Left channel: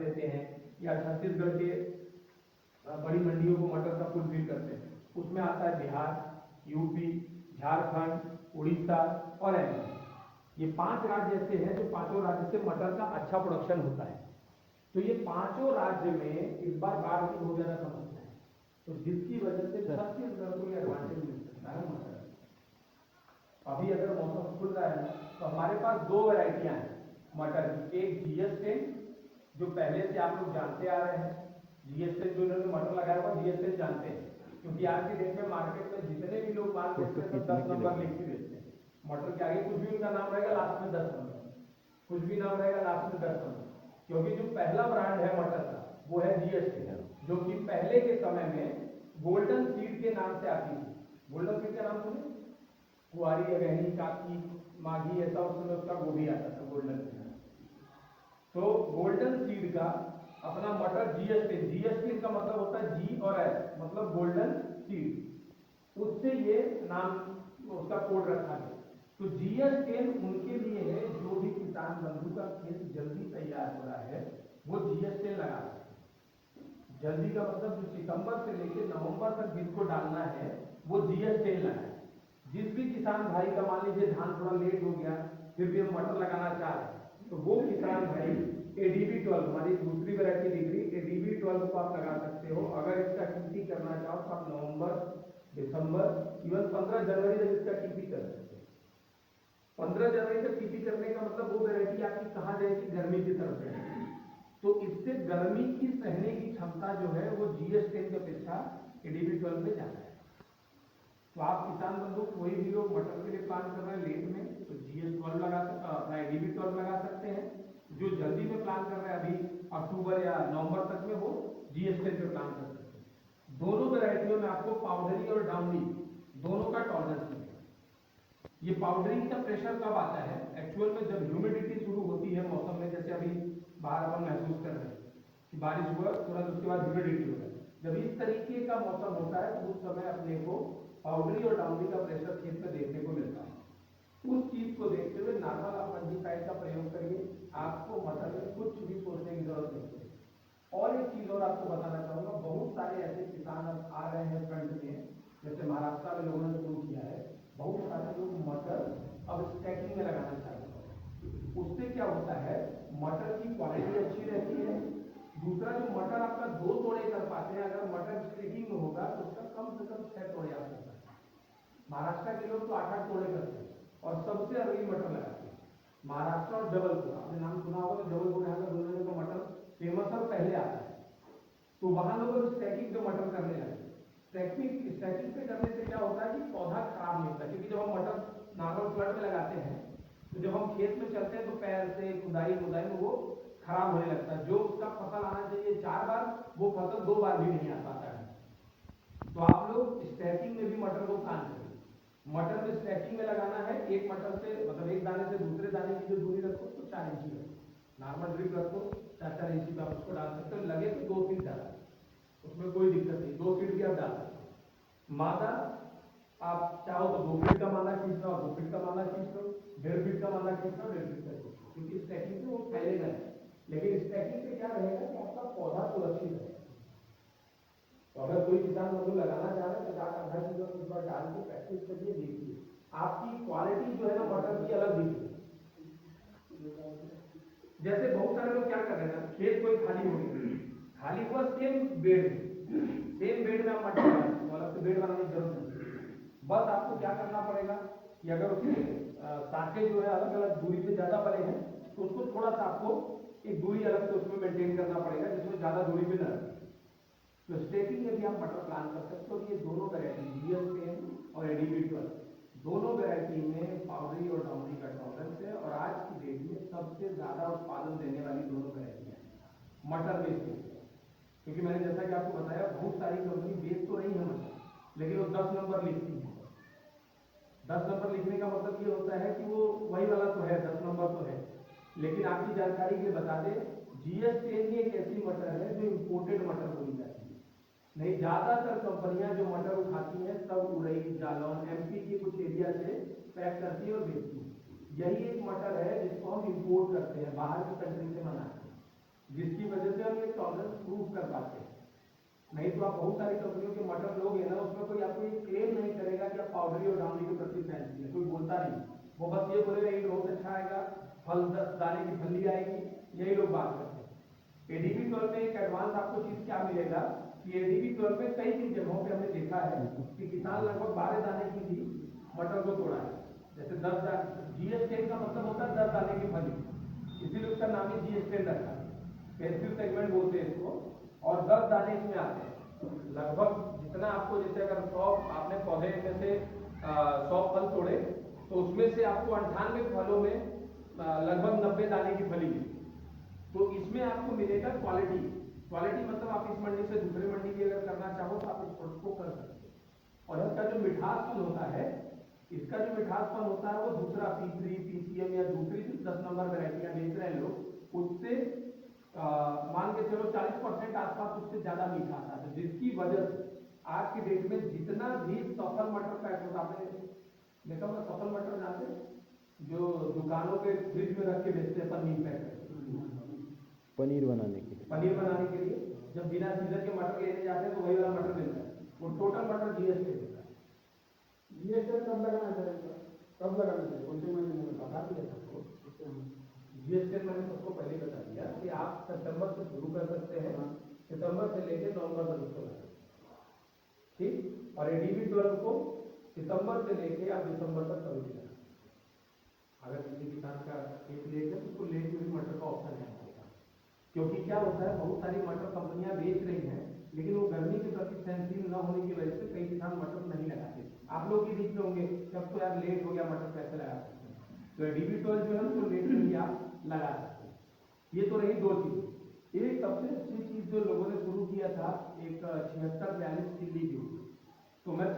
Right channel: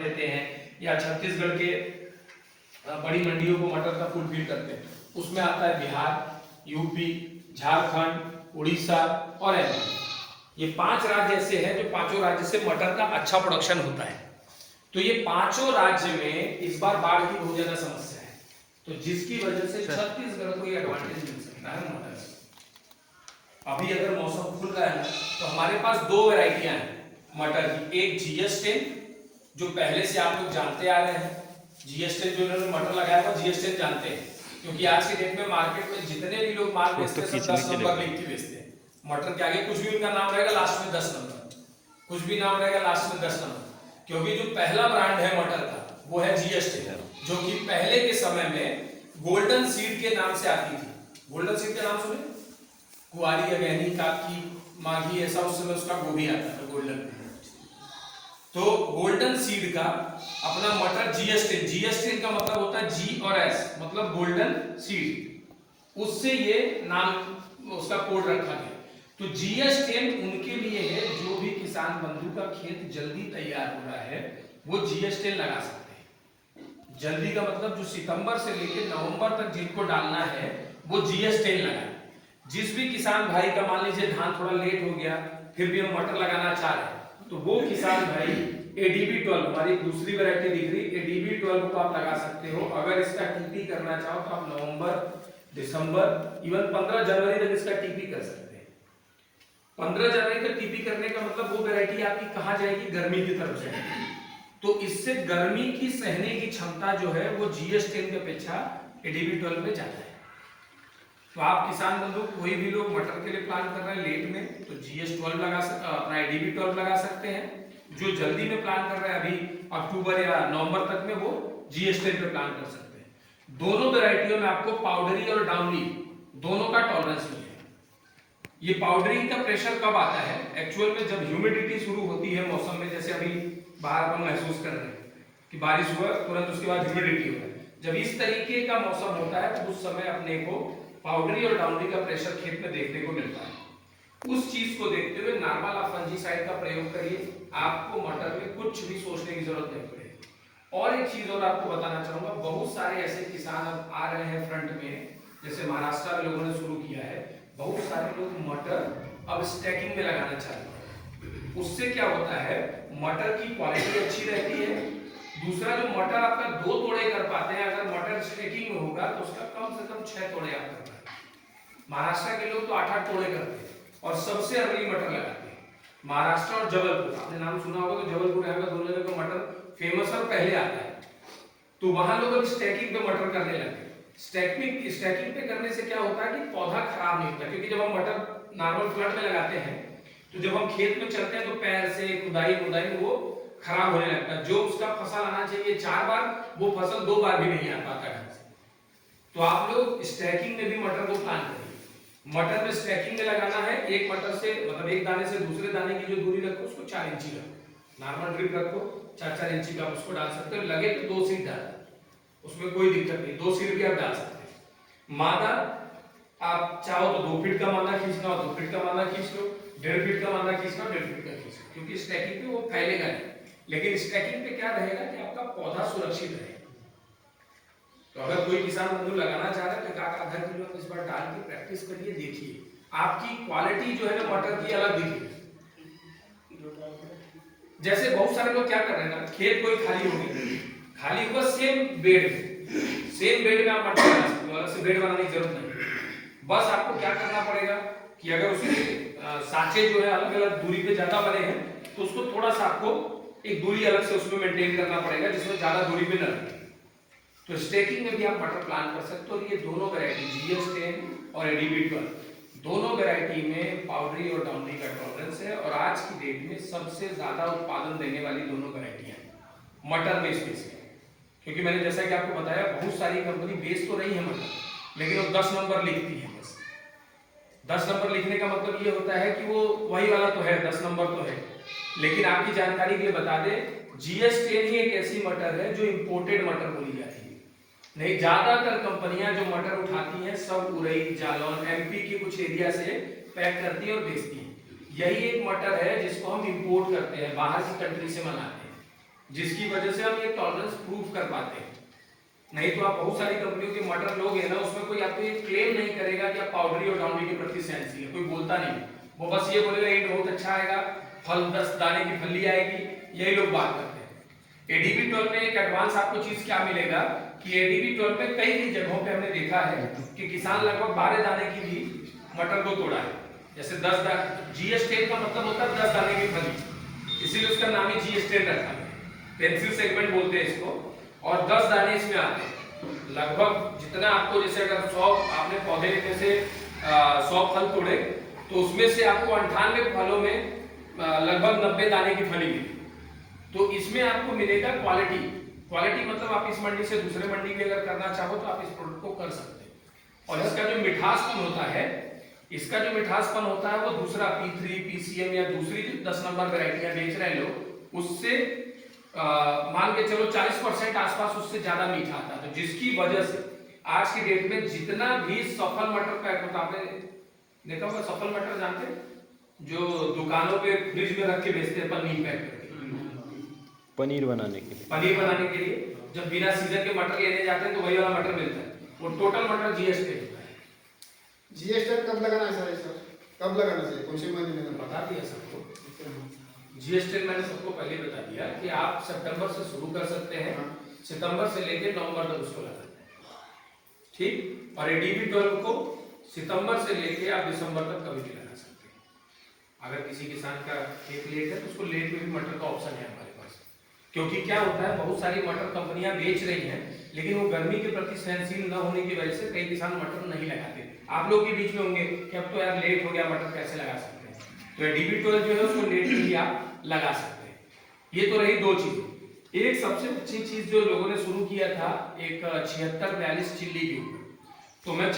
देते हैं या छत्तीसगढ़ के बड़ी मंडियों को मटर का फुलफिल करते हैं, उसमें आता है बिहार, यूपी, झारखंड, उड़ीसा और एमपी। ये 5 राज्य ऐसे हैं जो पांचों राज्य से मटर का अच्छा प्रोडक्शन होता है। तो ये पांचों राज्य में इस बार बाढ़ की बहुत ज्यादा समस्या है, तो जिसकी वजह से छत्तीसगढ़ को ये एडवांटेज मिल सकता है मटर से। अभी अगर मौसम खुल रहा है तो हमारे पास 2 वैरायटियां हैं मटर की। एक GS10 जो पहले से आप लोग जानते आ रहे हैं, GS10 जो इन्होंने मटर लगाया हुआ GS10 जानते हैं, क्योंकि आज के डेट में मार्केट में जितने भी लोग माल बेचते हैं सब 10 नंबर लिख के बेचते हैं। मटर के आगे कुछ भी उनका नाम रहेगा, लास्ट में 10 नंबर, कुछ भी नाम रहेगा, लास्ट में 10 नंबर। क्योंकि जो पहला ब्रांड है मटर का वो है GS10, जो कि पहले के समय में गोल्डन सीड के नाम से आती थी। गोल्डन सीड का नाम सुने, कुआरी, अगैनी, काकी, माघी, ऐसा उस समय उसका गोभी आता था गोल्डन। तो गोल्डन सीड का अपना मटर GS10, GS10 का मतलब होता है G और S, मतलब गोल्डन सीड, उससे ये नाम उसका कोड रखा गया। तो GS10 उनके लिए है जो भी किसान बंधु का खेत जल्दी तैयार हो रहा है वो GS10 लगा सकते हैं। जल्दी का मतलब जो सितंबर से लेकर नवंबर तक जिनको डालना है वो GS10 लगाए। जिस भी किसान भाई का मान लीजिए धान थोड़ा लेट हो गया फिर भी हम मटर लगाना चाह रहे हैं, तो वो किसान भाई ADB12, हमारी दूसरी वैरायटी दिख रही, ADB12 को आप लगा सकते हो। अगर इसका टीपी करना चाहो तो आप नवंबर, दिसंबर, इवन 15 जनवरी तक इसका टीपी कर सकते हैं। 15 जनवरी तक टीपी करने का मतलब वो वैरायटी आपकी कहाँ जाएगी, गर्मी की तरफ जाएगी। तो इससे गर्मी की सहने की क्षमता जो है वो GS10 की अपेक्षा ADB12 में ज्यादा है। तो आप किसान बंधु कोई भी लोग मटर के लिए प्लान कर रहे हैं लेट में तो GS12 लगा सकते, अपना ADB12 लगा सकते हैं। जो जल्दी में प्लान कर रहे हैं अभी अक्टूबर या नवंबर तक में वो GS10 पे प्लान कर सकते हैं। दोनों वैरायटियों में आपको पाउडरी और डाउनी दोनों का टॉलरेंस भी है। ये पाउडरी का प्रेशर कब आता है, एक्चुअल में जब ह्यूमिडिटी शुरू होती है मौसम में, जैसे अभी बाहर हम महसूस कर रहे हैं कि बारिश हुआ तुरंत उसके बाद ह्यूमिडिटी हो रहा है, जब इस तरीके का मौसम होता है तो उस समय अपने को पाउडरी और डाउनरी का प्रेशर खेत में देखने को मिलता है। उस चीज को देखते हुए नॉर्मल आप फंजीसाइड का प्रयोग करिए, आपको मटर में कुछ भी सोचने की जरूरत नहीं पड़ेगी। और एक चीज और आपको बताना चाहूंगा, बहुत सारे ऐसे किसान अब आ रहे हैं फ्रंट में, जैसे महाराष्ट्र में लोगों ने शुरू किया है, बहुत सारे लोग मटर अब स्टैकिंग में लगाना चाहते हैं। उससे क्या होता है, मटर की क्वालिटी अच्छी रहती है। दूसरा, जो मटर आपका 2 तोड़े कर पाते हैं, अगर मटर स्टैकिंग में होगा तो उसका कम से कम 6 तोड़े आप कर पाएंगे। महाराष्ट्र के लोग तो 8-8 तोड़े करते हैं और सबसे अर्ली मटर लगाते हैं। महाराष्ट्र और जबलपुर, आपने नाम सुना होगा, तो जबलपुर यहाँ का दोनों जगह का मटर फेमस और पहले आता है। तो वहां लोग अब स्टैकिंग पे मटर करने लगे। स्टैकिंग पे करने से क्या होता है कि पौधा खराब नहीं होता, क्योंकि जब हम मटर नॉर्मल फ्लड में लगाते हैं तो जब हम खेत में चलते हैं तो पैर से खुदाई में वो खराब होने लगता है। जो उसका फसल आना चाहिए 4 बार, वो फसल 2 बार भी नहीं आ पाता ढंग से। तो आप लोग स्टैकिंग में भी मटर को प्लान करिए। मटर में स्टैकिंग में लगाना है, एक मटर से मतलब एक दाने से दूसरे दाने की जो दूरी रखो उसको 4 इंची रखो, नॉर्मल ड्रिप रखो 4-4 इंची का, उसको डाल सकते हो। लगे तो 2 सीड डाल, उसमें कोई दिक्कत नहीं, 2 सीड भी आप डाल सकते हैं। मादा आप चाहो तो 2 फीट का मादा खींचना हो 2 फीट का मादा खींच लो, 1.5 फीट का मादा खींचना हो 1.5 फीट का खींच लो, क्योंकि स्टैकिंग पे वो फैलेगा नहीं। लेकिन स्टैकिंग पे क्या रहेगा कि आपका पौधा सुरक्षित रहेगा। तो अगर कोई किसान बंधु लगाना चाह रहे हैं तो आधा किलो इस बार डाल के प्रैक्टिस करिए, देखिए आपकी क्वालिटी जो है ना मटर की अलग दिखेगी। जैसे बहुत सारे लोग क्या कर रहे हैं ना, खेत कोई खाली हो गया, खाली हुआ सेम बेड में आप मटर लगा सकते हो, अलग से बेड बनाने की जरूरत नहीं। बस आपको क्या करना पड़ेगा कि अगर उसके साँचे जो है अलग अलग दूरी पे ज्यादा बने हैं तो उसको थोड़ा सा आपको एक दूरी अलग से उसमें मेंटेन करना पड़ेगा जिसमें ज्यादा दूरी पे न रहे। तो स्टैकिंग में भी आप मटर प्लान कर सकते हो। और ये दोनों वैरायटी GS10 और ADB12 दोनों वैरायटी में पाउडरी और डाउनरी का टॉलरेंस है, और आज की डेट में सबसे ज्यादा उत्पादन देने वाली दोनों वैरायटियां हैं मटर में स्पेशली। क्योंकि मैंने जैसा कि आपको बताया बहुत सारी कंपनी बेच तो रही है मटर, लेकिन वो 10 नंबर लिखती है। बस 10 नंबर लिखने का मतलब ये होता है कि वो वही वाला तो है, 10 नंबर तो है, लेकिन आपकी जानकारी के लिए बता दें GS10 ही एक ऐसी मटर है जो इंपोर्टेड मटर बोली जाती है। नहीं, ज्यादातर कंपनियां जो मटर उठाती हैं सब उरई, जालौन, MP के कुछ एरिया से पैक करती है और बेचती है। यही एक मटर है जिसको हम इंपोर्ट करते हैं, बाहर की कंट्री से मंगाते हैं। जिसकी वजह से हम ये टॉलरेंस प्रूफ कर पाते हैं। नहीं तो आप बहुत सारी कंपनियों के मटर लोगे ना, उसमें कोई आपको ये क्लेम नहीं करेगा कि आप पाउडरी और डाउनरी के प्रति सेंसिटिव है, कोई बोलता नहीं। वो बस ये बोलेगा ईल्ड बहुत अच्छा आएगा, फल 10 दाने की फली आएगी, यही लोग बात करते हैं। एडीबी 12 में एक एडवांस आपको चीज क्या मिलेगा कि एडीबी 12 में कई जगहों पे हमने देखा है कि किसान लगभग 12 दाने की भी मटर को तोड़ा है। जैसे 10 दाने, जीएसटी का मतलब होता है 10 दाने की फली, इसीलिए उसका नाम ही जीएसटी रखा है, पेंसिल सेगमेंट बोलते हैं इसको। और 10 दाने इसमें आते हैं। लगभग जितना आपको, जैसे अगर 100 आपने पौधे में से 100 फल तोड़े तो उसमें से आपको 98 फलों में लगभग 90 दाने की फली मिली। तो इसमें आपको मिलेगा क्वालिटी। क्वालिटी मतलब आप इस मंडी से दूसरे मंडी में अगर करना चाहो तो आप इस प्रोडक्ट को कर सकते हैं। और इसका जो मिठासपन होता है, इसका जो मिठासपन होता है वो दूसरा P3 PCM या दूसरी 10 नंबर वैरायटियां बेच रहे हैं लोग, उससे मान के चलो 40% आसपास उससे ज्यादा मीठा आता है। तो जिसकी वजह से आज की डेट में जितना भी सफल मटर पैक होता है, आपने देखा होगा सफल मटर जानते हैं, जो दुकानों पे फ्रिज में रख के बेचते हैं पनीर पैक करके, पनीर बनाने के लिए। पनीर बनाने के लिए जब बिना सीजन के मटर लेने जाते हैं तो वही वाला मटर मिलता है, वो टोटल मटर जीएसटी होता है। जीएसटी कब लगाना है सर? कब लगाना चाहिए, कौन से महीने में? बता दिया सबको। जीएसटी मैंने सबको पहले बता दिया कि आप सितंबर से शुरू कर सकते हैं, सितंबर से लेकर नवंबर तक उसको लगाते हैं, ठीक। और एडीबी 12 को सितंबर से लेकर आप दिसंबर तक कभी भी लगा सकते हैं। अगर किसी किसान का खेत लेट है तो उसको लेट में भी मटर का ऑप्शन है हमारे पास। क्योंकि क्या होता है, बहुत सारी मटर कंपनियां बेच रही हैं, लेकिन वो गर्मी के प्रति सहनशील न होने की वजह से कई किसान मटर नहीं लगाते। आप लोग के बीच में होंगे कि अब तो यार लेट हो गया, मटर कैसे लगा सकते हैं, तो एडीबी 12 जो है उसको लेट में भी आप लगा सकते हैं। ये तो रही दो चीजें। एक सबसे अच्छी चीज जो लोगों ने शुरू किया था, एक 7642 चिल्ली के ऊपर, तो मैं